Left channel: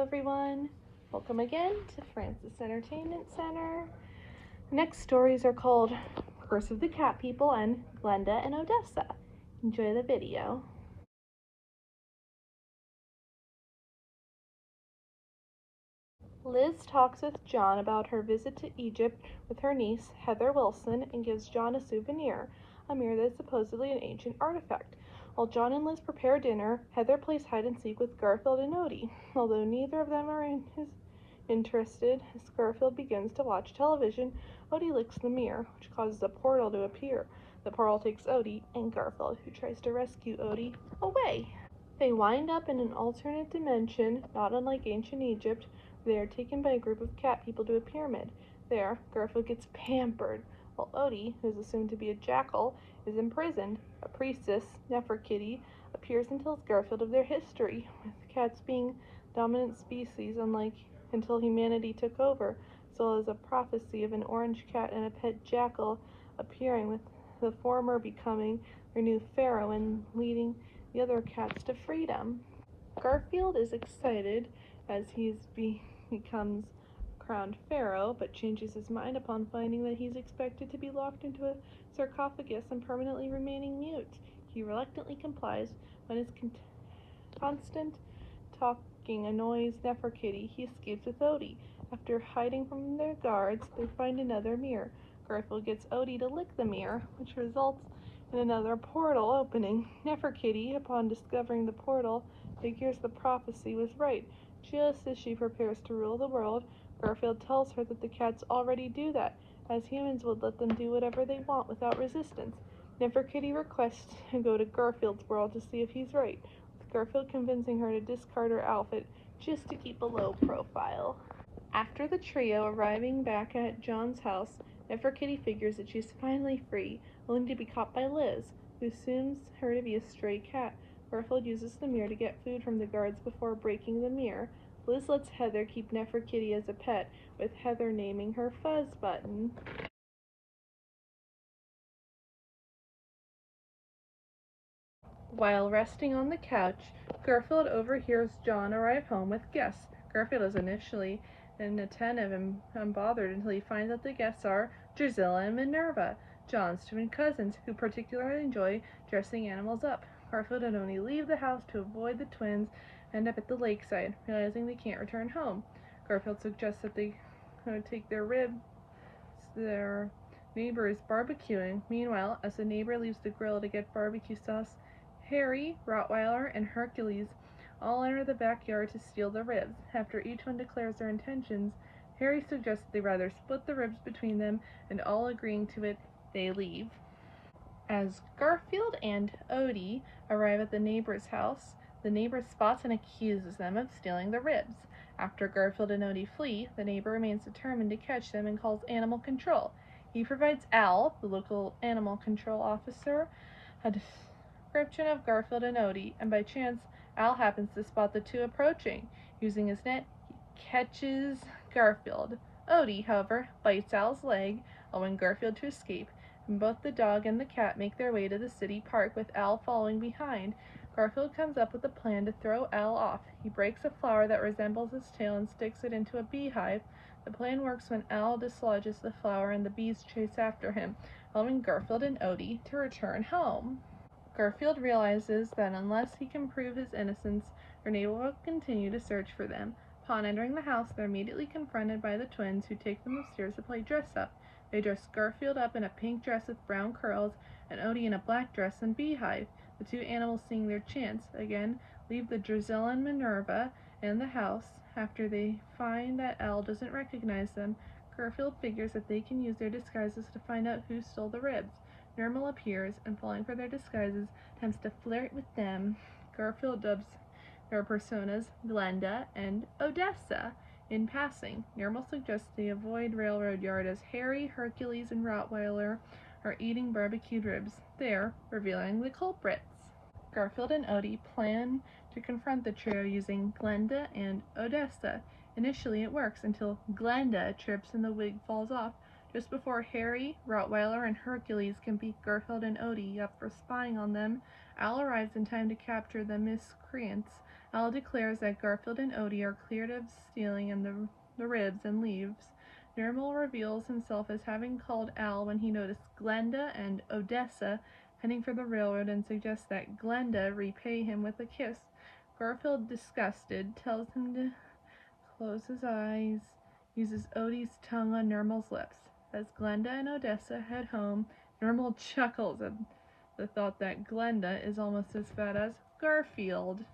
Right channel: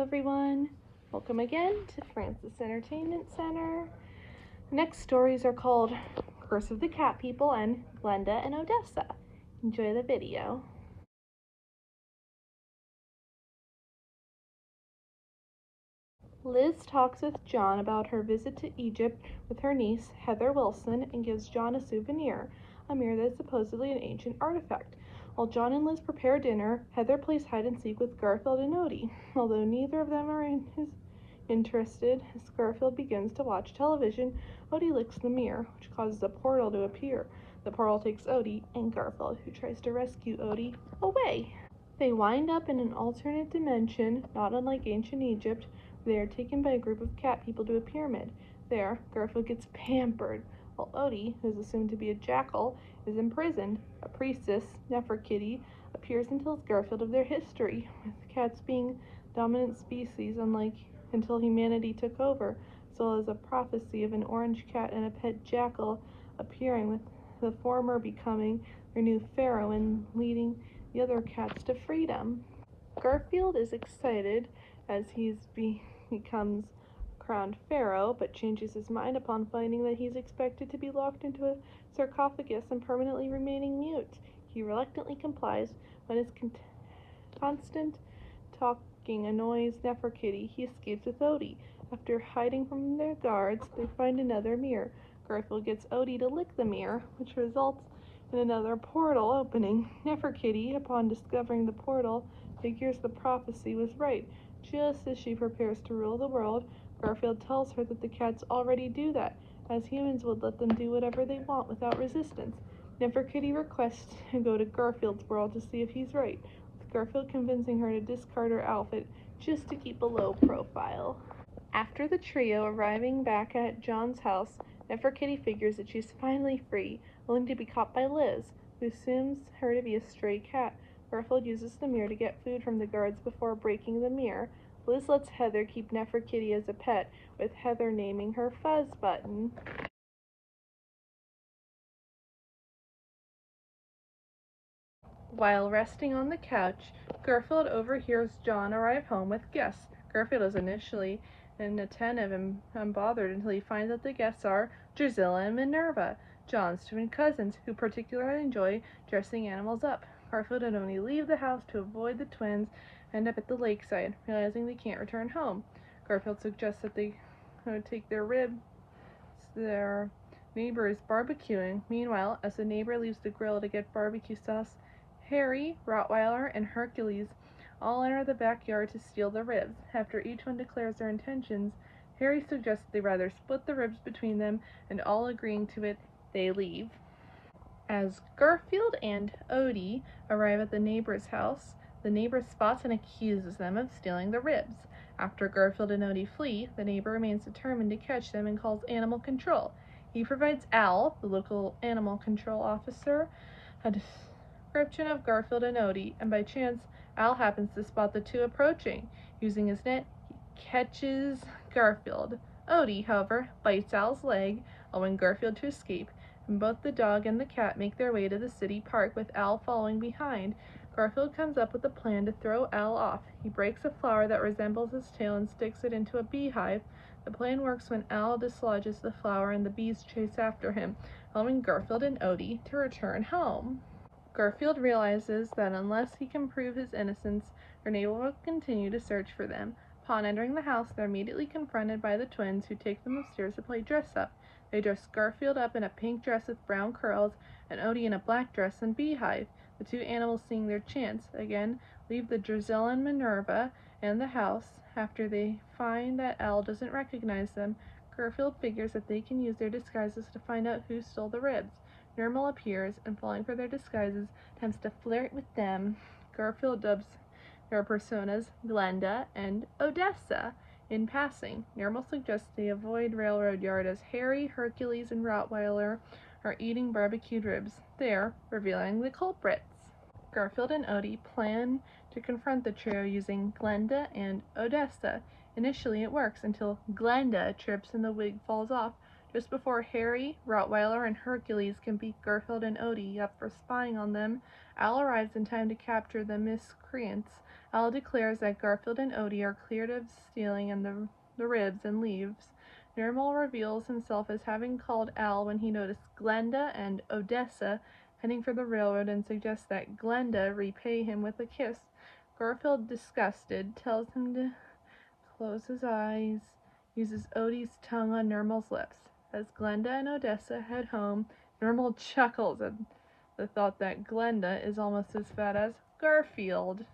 Hello everyone, welcome again to Francis Entertainment Center. Next stories are called Curse of the Cat People and Glenda and Odessa. Enjoy the video. Liz talks with John about her visit to Egypt with her niece Heather Wilson and gives John a souvenir, a mirror that's supposedly an ancient artifact. While John and Liz prepare dinner, Heather plays hide and seek with Garfield and Odie. Although neither of them are interested, as Garfield begins to watch television, Odie licks the mirror, which causes a portal to appear. The portal takes Odie and Garfield, who tries to rescue Odie, away. They wind up in an alternate dimension, not unlike ancient Egypt. They are taken by a group of cat people to a pyramid. There, Garfield gets pampered, while Odie, who is assumed to be a jackal, is imprisoned. A priestess, Neferkitty, appears and tells Garfield of their history, with cats being dominant species until humanity took over, as well as a prophecy of an orange cat and a pet jackal appearing, with the former becoming their new pharaoh and leading the other cats to freedom. Garfield is excited as he becomes crowned pharaoh, but changes his mind upon finding that he's expected to be locked into a sarcophagus and permanently remaining mute. He reluctantly complies. When his constant talking annoys Neferkitty, he escapes with Odie. After hiding from their guards, they find another mirror. Garfield gets Odie to lick the mirror, which results in another portal opening. Neferkitty, upon discovering the portal, figures the prophecy was right. Just as she prepares to rule the world, Garfield tells her that the cats already do that, as humans would let them do whatever they want without resistance. Neferkitty requests to go to Garfield's world to see if he's right, with Garfield convincing her to discard her outfit just to keep a low profile. After the trio arriving back at John's house, Neferkitty figures that she's finally free, only to be caught by Liz, who assumes her to be a stray cat. Garfield uses the mirror to get food from the guards before breaking the mirror. Liz lets Heather keep Neferkitty as a pet, with Heather naming her Fuzz Button. While resting on the couch, Garfield overhears John arrive home with guests. Garfield is initially inattentive and unbothered until he finds that the guests are Drusilla and Minerva, John's twin cousins, who particularly enjoy dressing animals up. Garfield and Odie leave the house to avoid the twins and end up at the lakeside, realizing they can't return home. Garfield suggests that they take their ribs. Their neighbor is barbecuing. Meanwhile, as the neighbor leaves the grill to get barbecue sauce, Harry, Rottweiler, and Hercules all enter the backyard to steal the ribs. After each one declares their intentions, Harry suggests they rather split the ribs between them, and all agreeing to it, they leave. As Garfield and Odie arrive at the neighbor's house, the neighbor spots and accuses them of stealing the ribs. After Garfield and Odie flee, the neighbor remains determined to catch them and calls animal control. He provides Al, the local animal control officer, a description of Garfield and Odie, and by chance, Al happens to spot the two approaching. Using his net, he catches Garfield. Odie, however, bites Al's leg, allowing Garfield to escape, and both the dog and the cat make their way to the city park, with Al following behind. Garfield comes up with a plan to throw Al off. He breaks a flower that resembles his tail and sticks it into a beehive. The plan works when Al dislodges the flower and the bees chase after him, allowing Garfield and Odie to return home. Garfield realizes that unless he can prove his innocence, their neighbor will continue to search for them. Upon entering the house, they're immediately confronted by the twins, who take them upstairs to play dress-up. They dress Garfield up in a pink dress with brown curls, and Odie in a black dress and beehive. The two animals, seeing their chance, again leave the Drusilla and Minerva and the house. After they find that Al doesn't recognize them, Garfield figures that they can use their disguises to find out who stole the ribs. Nermal appears, and falling for their disguises, attempts to flirt with them. Garfield dubs their personas Glenda and Odessa. In passing, Nermal suggests they avoid Railroad Yard as Harry, Hercules, and Rottweiler are eating barbecued ribs, there revealing the culprits. Garfield and Odie plan to confront the trio using Glenda and Odessa. Initially it works until Glenda trips and the wig falls off. Just before Harry, Rottweiler, and Hercules can beat Garfield and Odie up for spying on them, Al arrives in time to capture the miscreants. Al declares that Garfield and Odie are cleared of stealing in the ribs and leaves. Nirmal reveals himself as having called Al when he noticed Glenda and Odessa heading for the railroad and suggests that Glenda repay him with a kiss. Garfield, disgusted, tells him to close his eyes, uses Odie's tongue on Nirmal's lips. As Glenda and Odessa head home, Nirmal chuckles at the thought that Glenda is almost as fat as Garfield.